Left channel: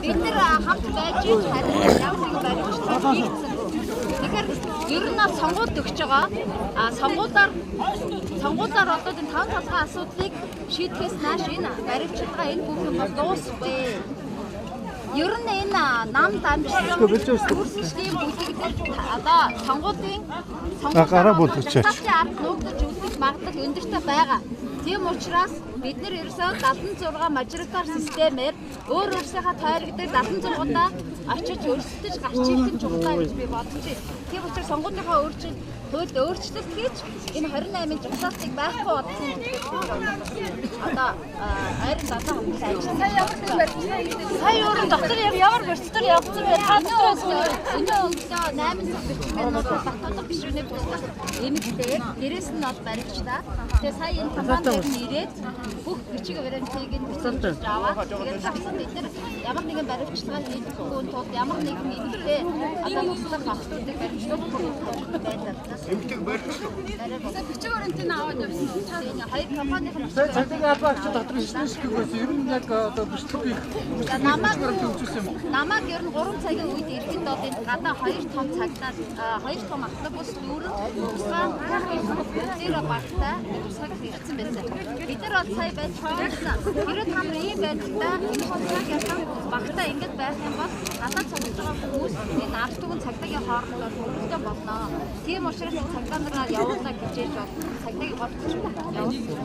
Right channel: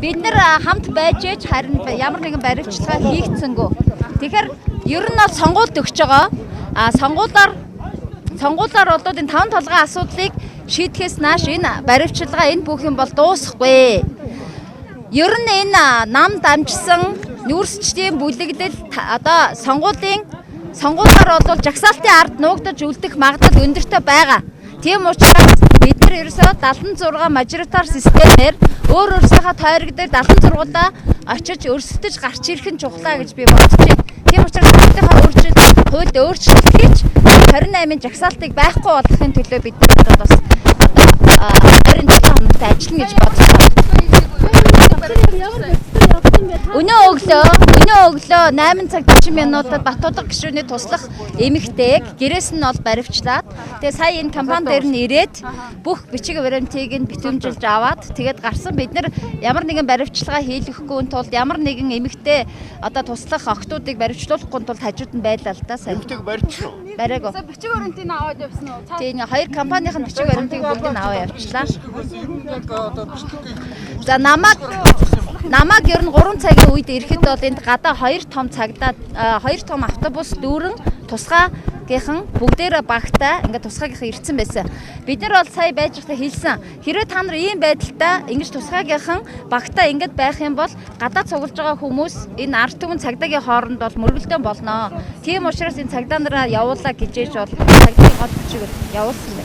Бид нэр хамт байж ээж харин ямар нэгэн баримтчилгаа хийгдсэнгүү. Тэгэхээр ер нь бол сонгуульд өгч байгаа. Сонгуулиар одоо энэ 5 толгойн асуудлыг шийдэхээс нааш энэ баримтчилгаа энэ бүх юм бол дуусахгүй. Ер нь энэ нам дамжсан нүүрсчдийн бүлэгдэл одоо сонгуулиар бол жагсаалтын ард нуугдаж үлдэх магадлал өндөртэй байгаа. Тийм учраас бид нар ерөөсөө 76 мажоритар системээр өөрсдийнхөө тойрогддог 76-удаа очиж өрсөлдөж гарч ирэх нь чухлаа гэж би бодож байна. Тийм учраас өөрсдийнхөө хуульд өөрчлөлт хийж 28-ын жагсаалтыг байхгүй болгохын төлөө бид нар бас 27 хоногт ажиллана гэж бодож байна. Өнөө өглөө 8 цаг 40 минутад Батуудаг гишүүний туслах эмэгтэйг гэрээс нь бол баривчлаад тэгээ сая энэ компани дээр нь ирээд бүх бичиг баримтыг нь битүүмжилж аваад тэгээд гарсан бид нар ямар нэгэн баривчилгаа хийлгэхгүй тулд ямар нэгэн эмэгтэй одоо туслах охтуудыг баривчлуулахгүй тулд хажууд нь байлаа л да сая. Эмэгтэйг баривчлаа. Барайгаа. Бичиг баримтыг аваад явсан уу? Тийм хоёр компанийн бичиг баримтыг аваад явуулчлаа. Ер нь яг одоо бичлэгийг За намаг ер нь 3 цагийн үед ирэхэд бол энд гадаа 2 том автобус дүүрэн тусгаагийнхан бүгдээрээ багтаа ингээд тусгаагийнхан ирсэн байсан. Бид нар бол сая байж байхдаа хэлсэн. Хэрвээ та нар ийм байдалтай ингэж тусгаагийнхан багтаа ингээд байх юм бол гадаа цуглаж байгаа хүмүүс энэ ард түмэн цагдаагийн хооронд бол мөргөлдөөн болно. Тийм учраас энэ цагдаа нараа явуулаа гэжээж бол цагдаагийн гол бичиг явуулсан.